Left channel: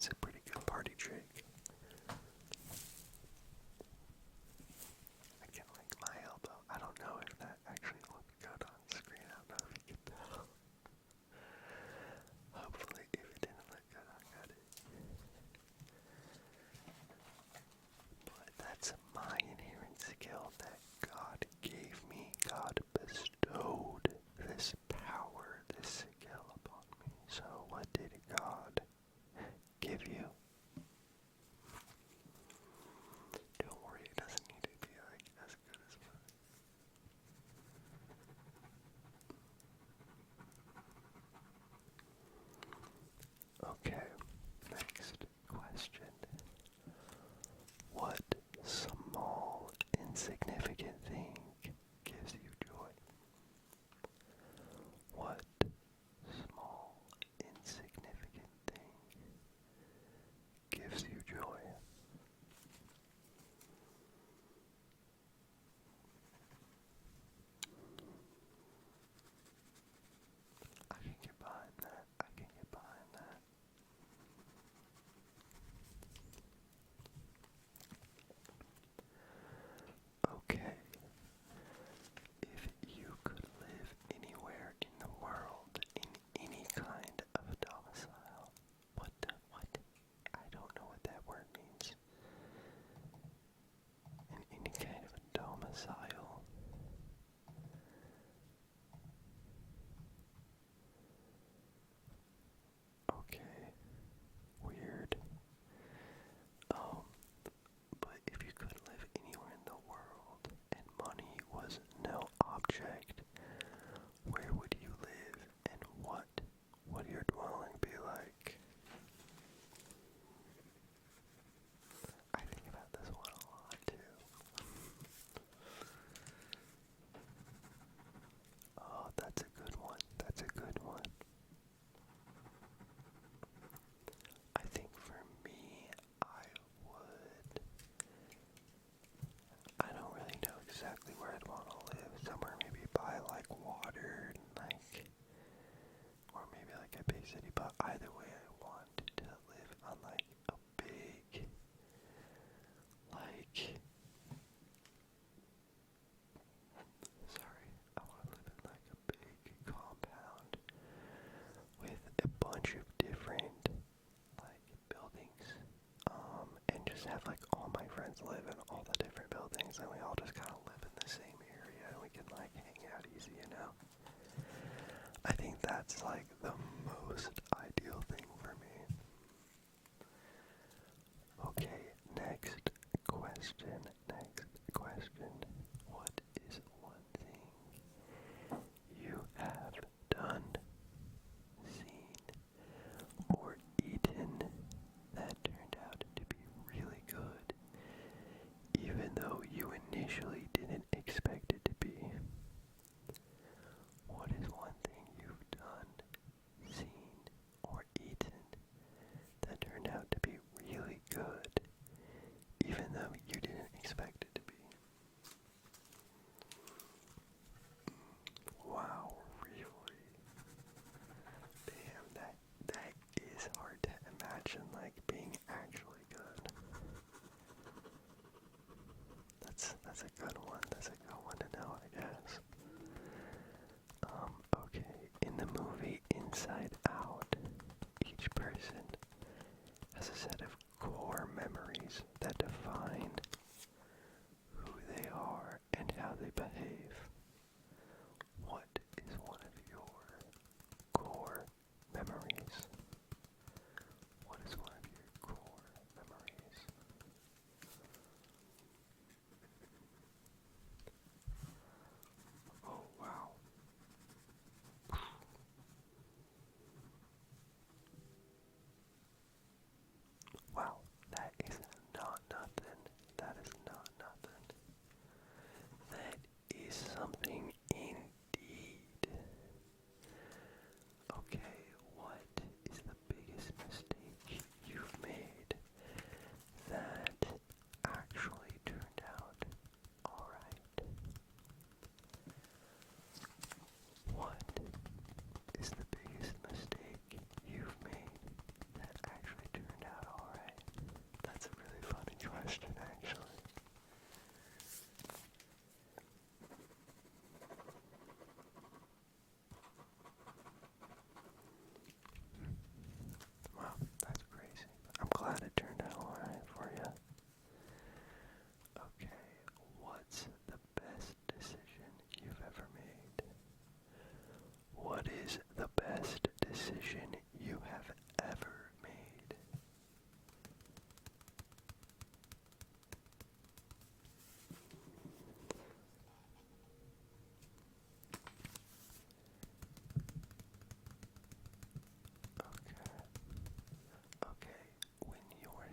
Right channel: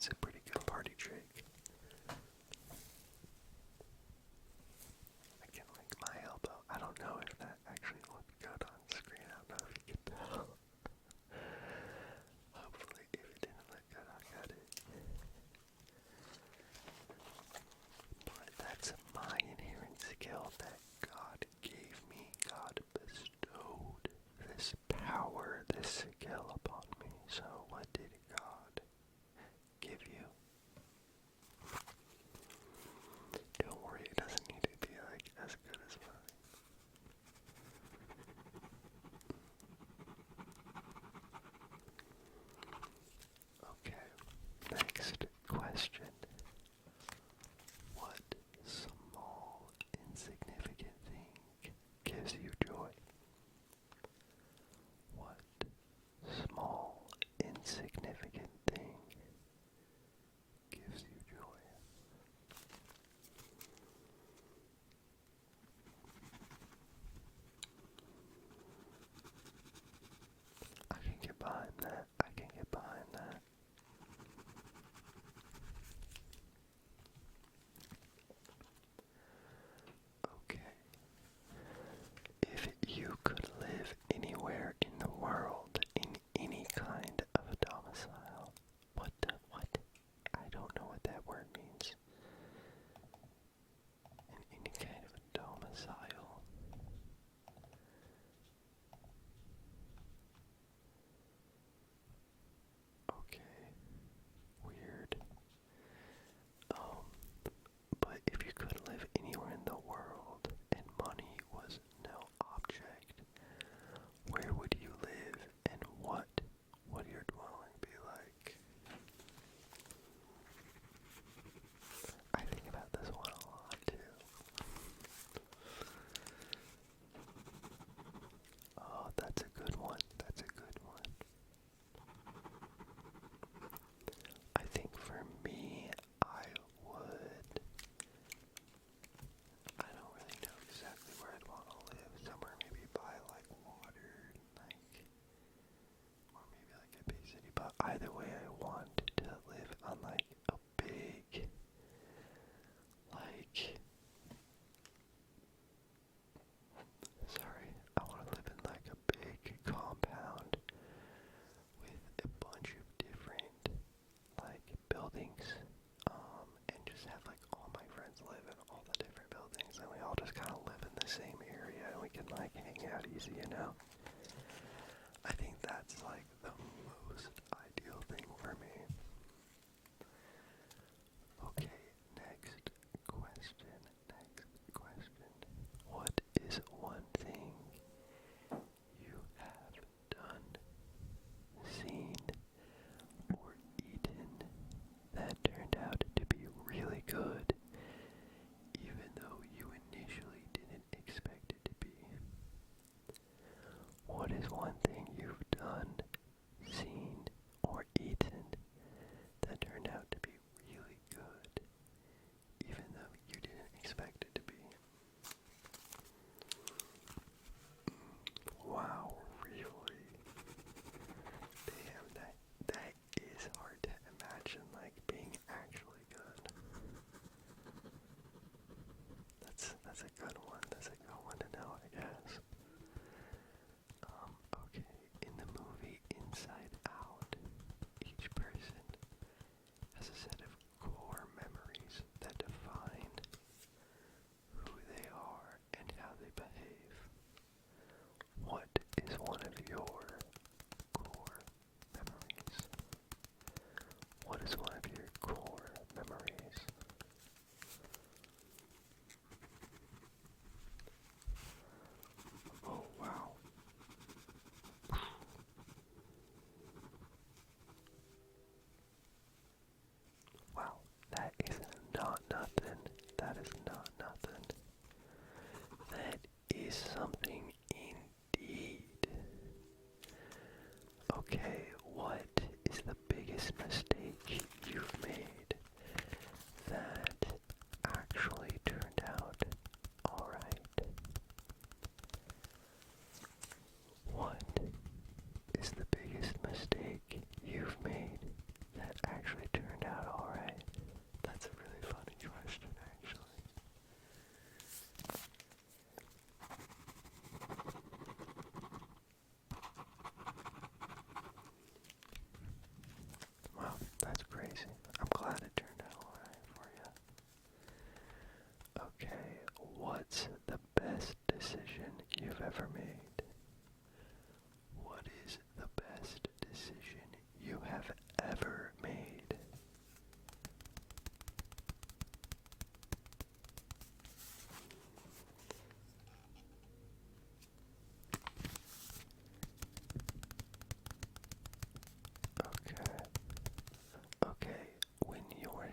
It's a pretty good party trick. I can link my elbow. I don't know if that actually looked good on screen. I don't know if you can tell. Hopefully, if it didn't look good, I got it. But that's my inherent skill that God gave me. God bestowed this power, this skill upon me. So what did God give you? Don't worry, it doesn't need to be like as good as mine. Okay, next question. What small, insignificant thing gives you joy? What small, insignificant thing gives you joy? I can get behind that. I can get behind that. Okay. If you could live anywhere in the world, in any kind of a domicile, what? I don't know what that word means. In any kind of a domicile. Okay. Weird. But if you could live anywhere in the world and money was no object, where would you live and what would your dwelling be like? I think about this one a lot too. Oh, that's a good one. That's a good one. I think for me, I don't really know exactly where I'd want to live. Somewhere maybe by like water, or maybe like a big city. But either way, I want to live on like a big, I want to live in like a big compound with a bunch of different like buildings, and just have like all my friends live in all the different buildings, and we all just kind of live in the same area, and we can like hang out easy, you know? I think that's like the most ideal thing for me. Okay, next question. What is one thing you have done, seen, or eaten that turned out to be really good, even though you initially didn't expect it to be? What is one thing you've done, seen, or eaten that turned out to be really good, even though you didn't expect it to be? Wow, really? Damn, that is hard to imagine, like, being actually good. That's a good one. That's a good one to know, I guess. Okay, in the movie Inside Out, each person has a set of core memories that define who they are and how they behave. What is one of your core memories? What is one of your core memories?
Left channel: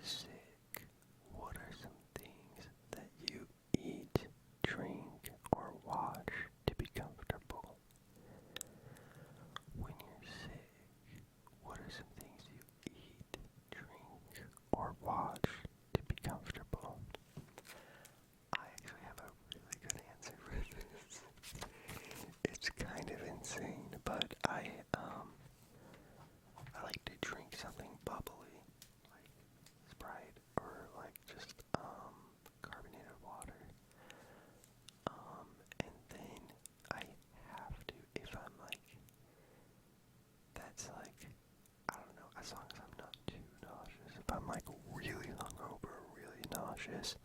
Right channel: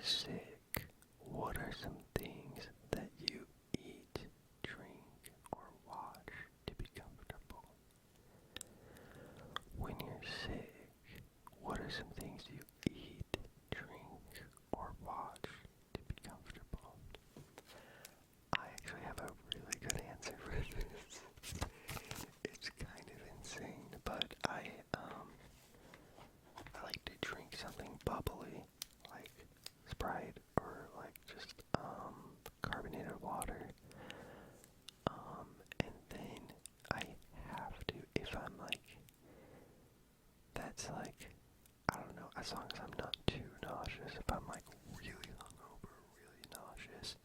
sick, what are some things that you eat, drink, or watch to be comfortable? When you're sick, what are some things you eat, drink, or watch to be comfortable? I actually have a really good answer for this. It's kind of insane, but I like to drink something bubbly, like Sprite or like just carbonated water. And then I have to, if I'm like, that's like, I don't know, as long as I'm not too nauseous. If I'm like really hungover, really nauseous,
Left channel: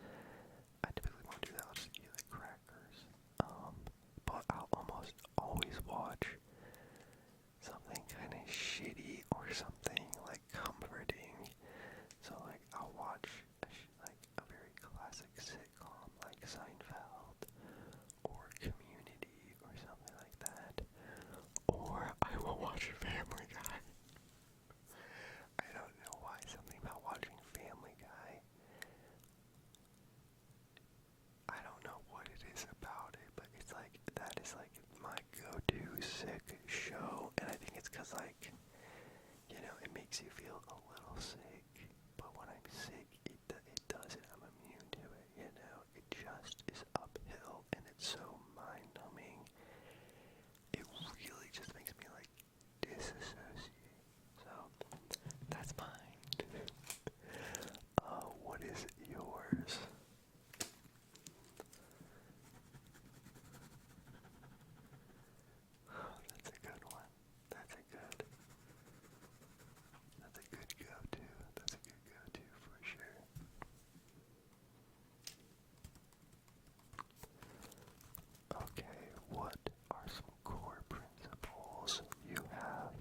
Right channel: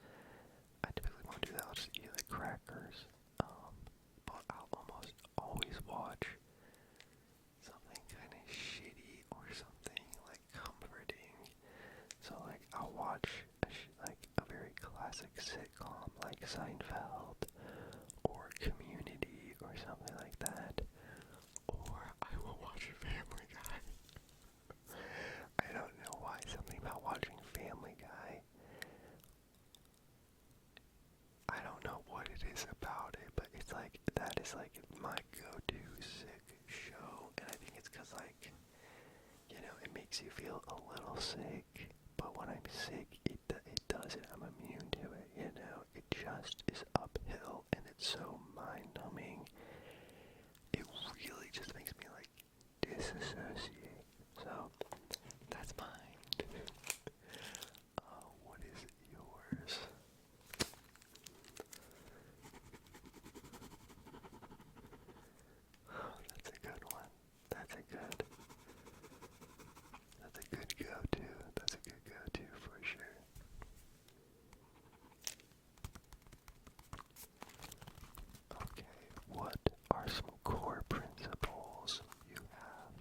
I typically won't do that. I'll just eat like crackers. But I'll almost always watch something kind of shitty or something like comforting. So like I'll watch like a very classic sitcom like Seinfeld or Community or something like that. Or I will watch Family Guy. I don't know why, something about watching Family Guy. I don't know what it is about it, but it's like, that is like my go-to sick show, and I think it's because like, you know, it makes you feel a little sick, but when I'm sick, it doesn't, I'm immune to it, you know, it just is uphill, and it's so mind-numbing, it really just makes me like disassociate, so that's mine. What is yours? That's a good one. That's a good go-to. That's a good go-to for sure. Okay, what are some core principles you have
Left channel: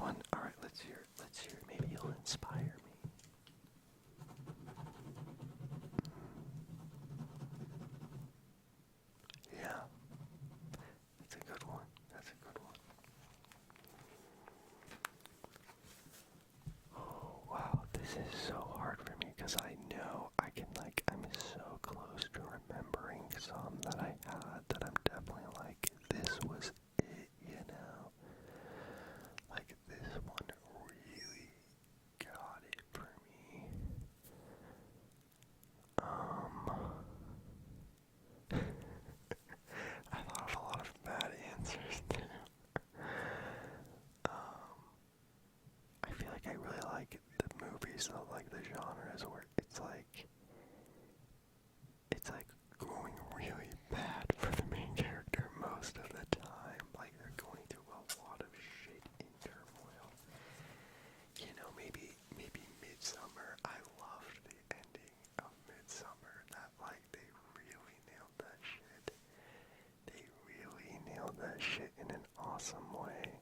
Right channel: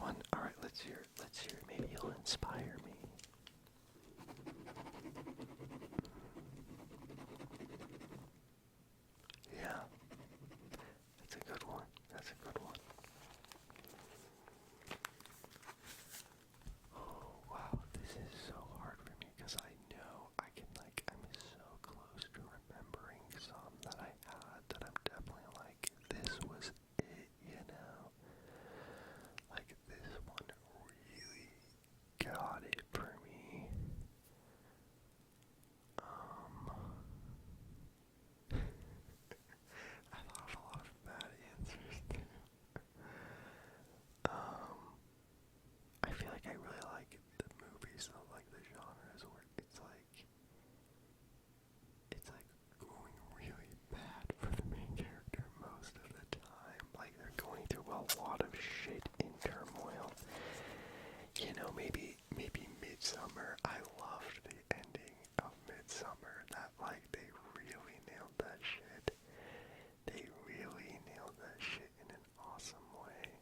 one. Alright, let's hear it. Let's hear it. Maybe you'll inspire me. Yeah. That's a good one. That's a good one. Oh, wow. This is so hard for me because I know I'm so close to remembering some that I had that I'm definitely like, this was it, you know? Like, this one really got it for me. I thought of a lot of bad answers too. I feel like I really like the movies though, like the genres where it's like going really bad for the main character most of the time. Like they're going through a lot of shit in turmoil. You know, maybe Midsummer. I loved the ending of Midsummer. That like they really nailed that shit. They really nailed that shit in an awesome way.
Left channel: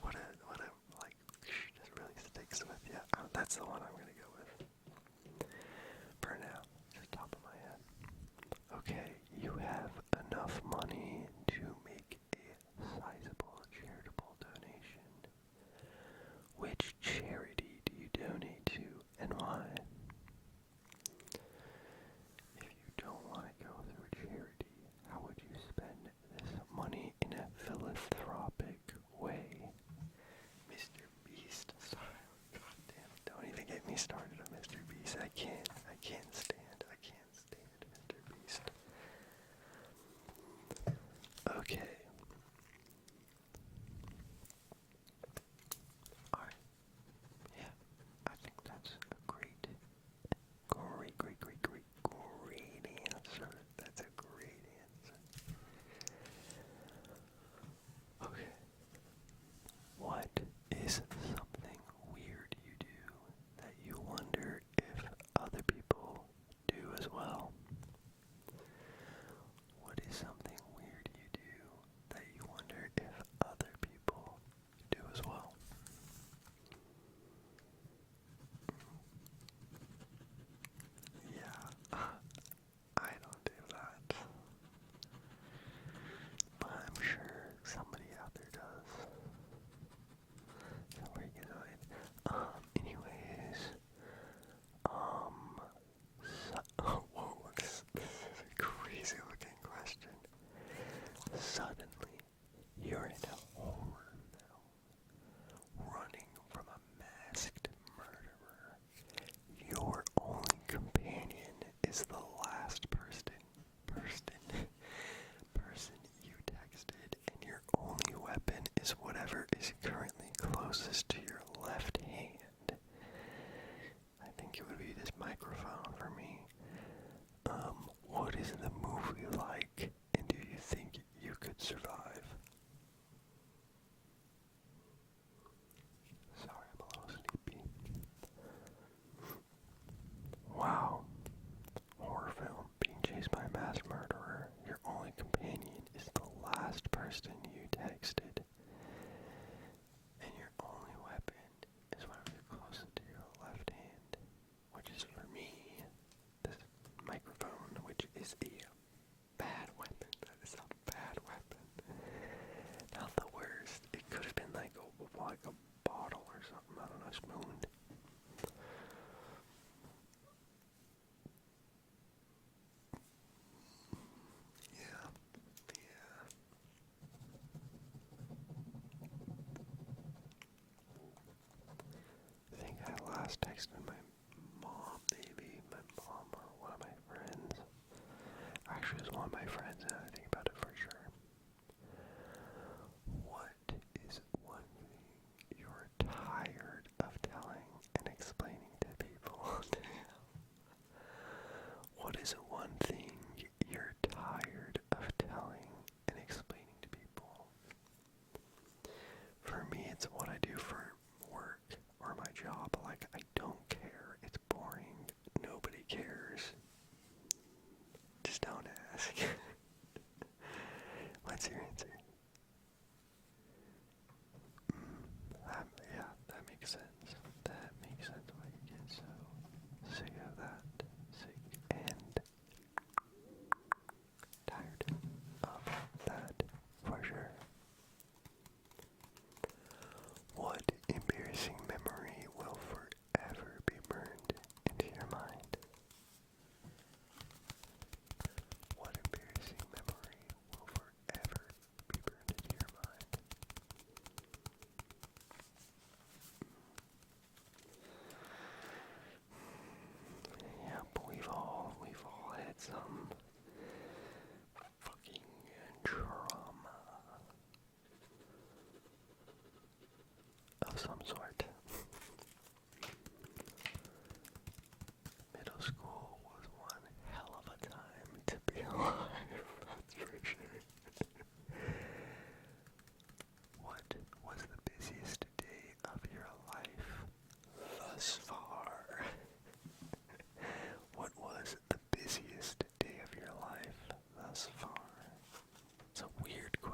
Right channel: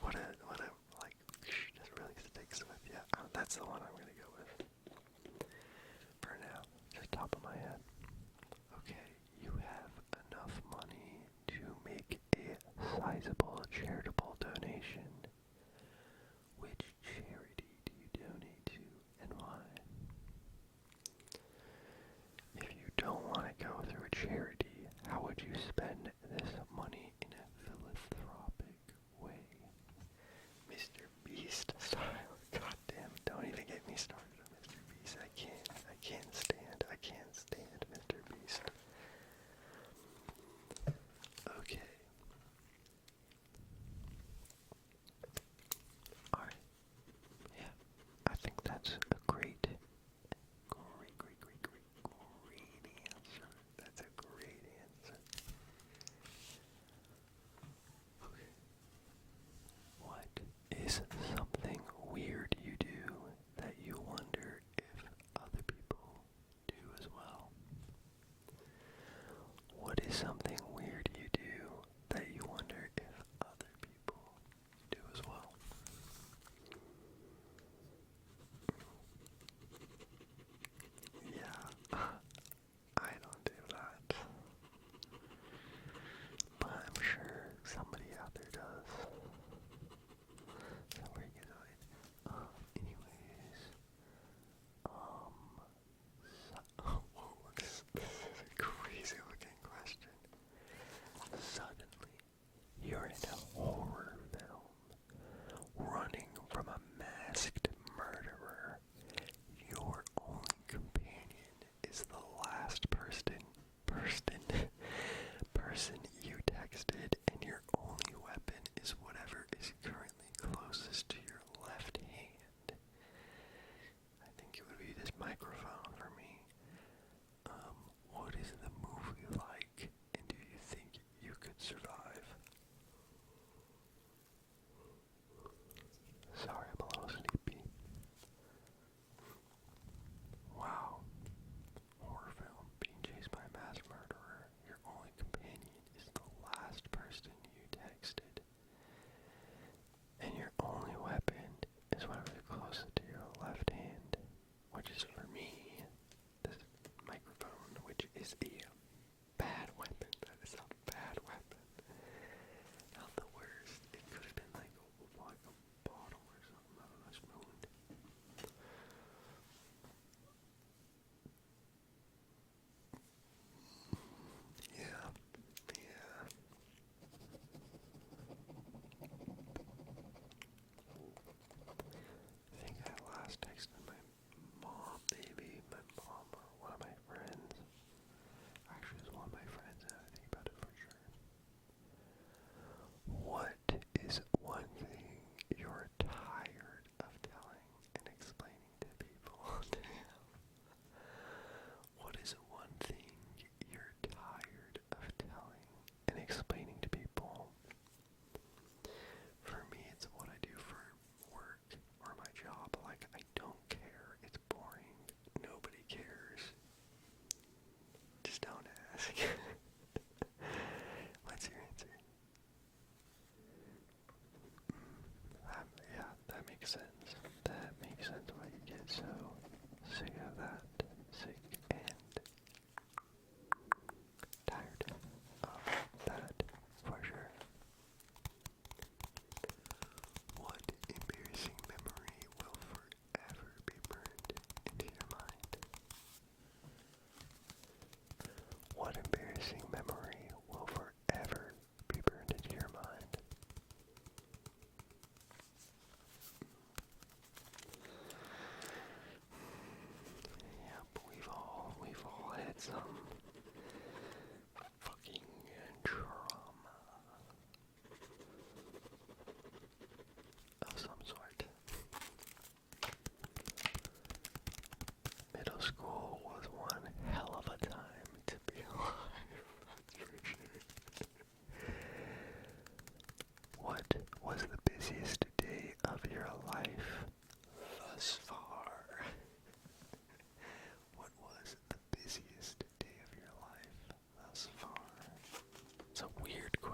What a like just really sticks with you. That's the one I'm gonna go with. For now, just top of my head. Okay, you have enough money to make a sizable charitable donation. Which charity do you donate to and why? If you don't want to go through a charity, how would you spend this money in a philanthropic way? Mr. Beast style. God damn, don't even get me started on Mr. Beast. I can't stand Mr. Beast. Okay. Alright. Yeah. I think that's a great answer. That's a great answer. Okay. What is something weird you do that you wonder if other people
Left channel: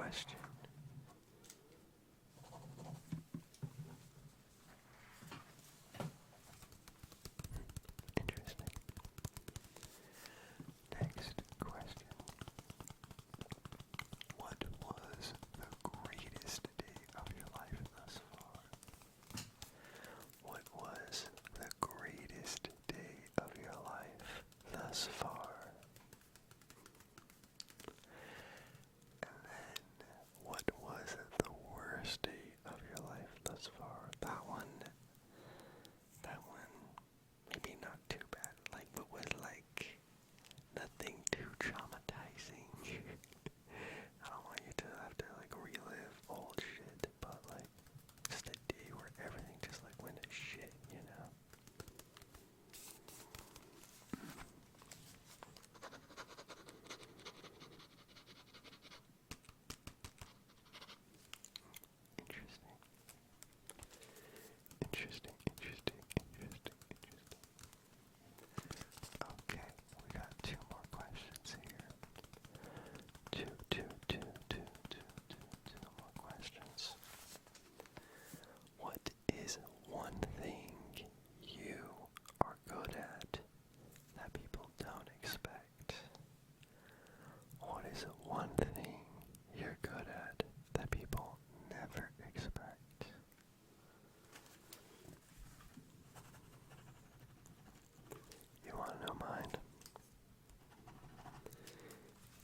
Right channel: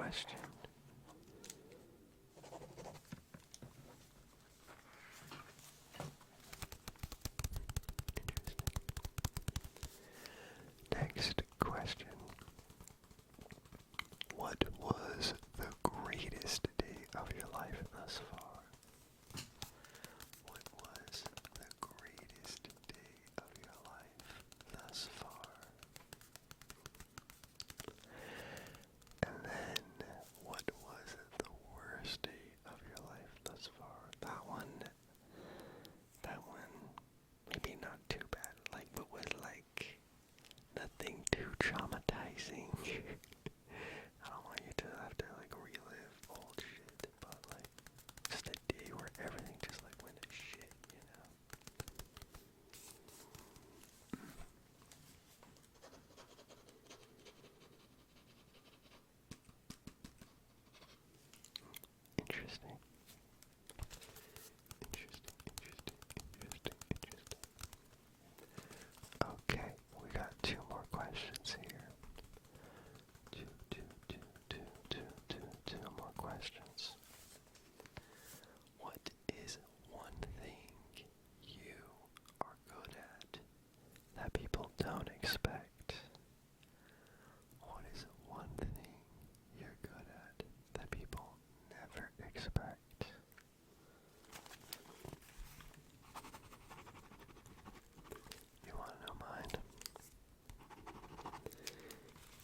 question. Interesting. Next question. What was the greatest day of your life thus far? What was the greatest day of your life thus far? And then, what was the worst day of your life thus far? That one, maybe not too bad, like, but was like nothing too traumatizing. I don't want you to have to like relive old shit, but like just a day where everything just like went to shit, you know? Interesting. Interesting. Okay, we got two more questions here. Two more questions. What is one thing you are good at that people don't expect? What is one thing you're good at that people never expect? You want to know mine?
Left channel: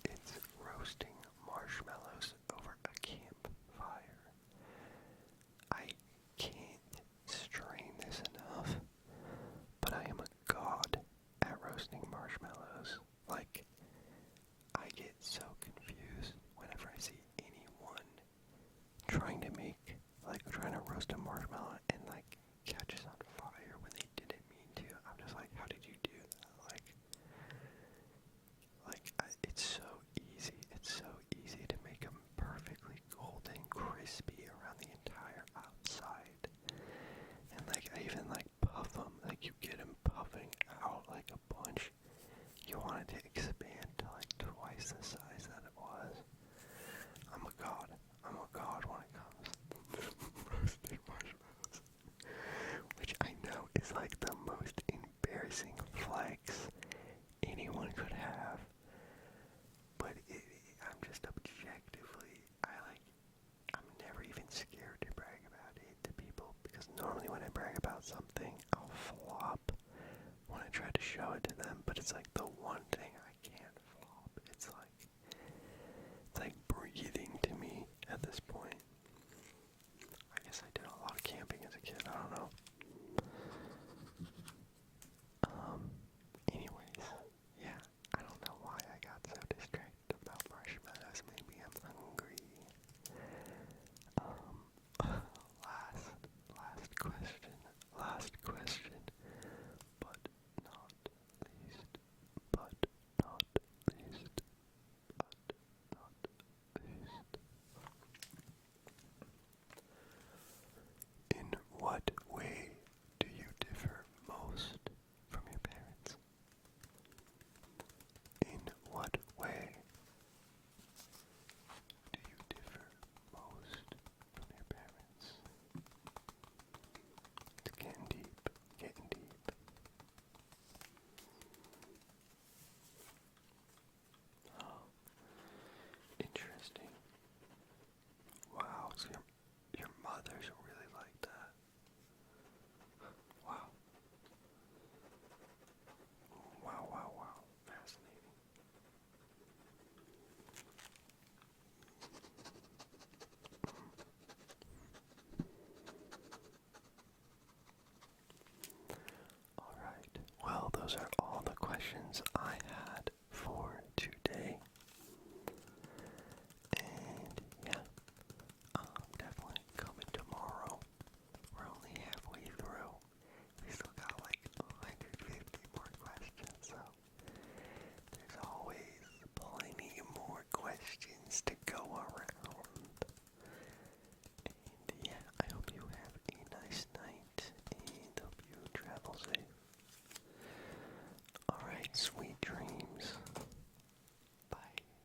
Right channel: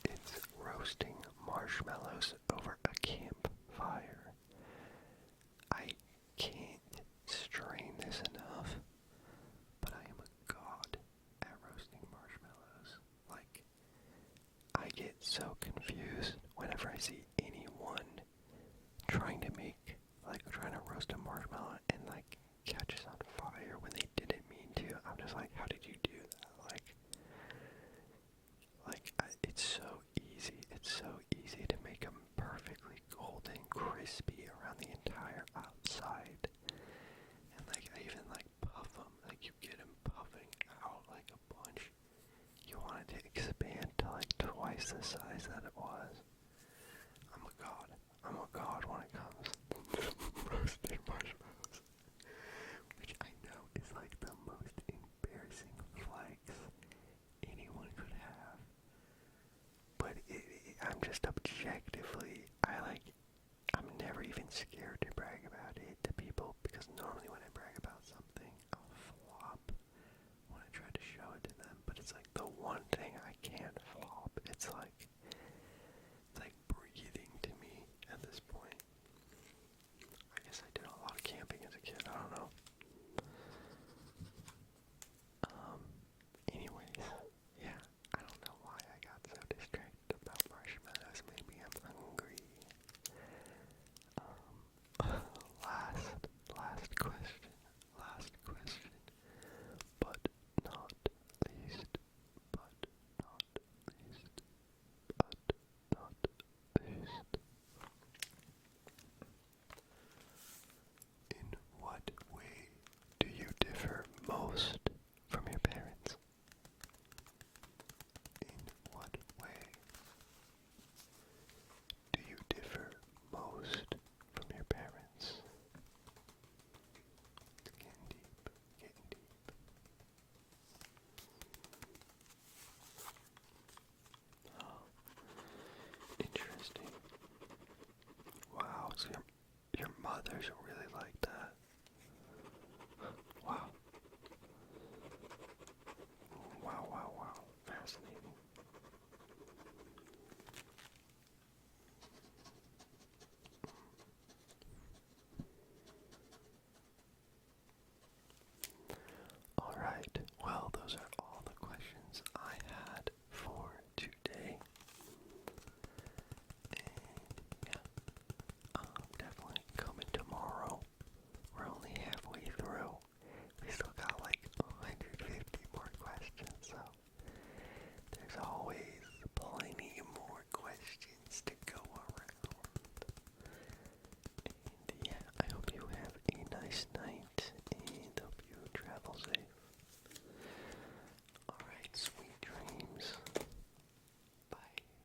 It's roasting marshmallows over a campfire. I can't strain this enough, but I am a god at roasting marshmallows. Like, I get so confused whenever I see anyone trying to roast a marshmallow and like catches on fire when they didn't mean to. I'm just like, how did you do that? It's so easy. It's so easy to make them perfectly golden, crispy around the entire outside. And like, I even like puff them. Like, you get them puffing out like a bunch. You want it to expand to like twice the size that it was. I'm a god. I'm a god when it comes to roasting marshmallows. Which I know is like the most embarrassing flex anyone could have. But I'm just objectively, I'm never even scared to brag about it to people, because normally when I brag about something, I'll flop when I try to show it to them. But it's like the one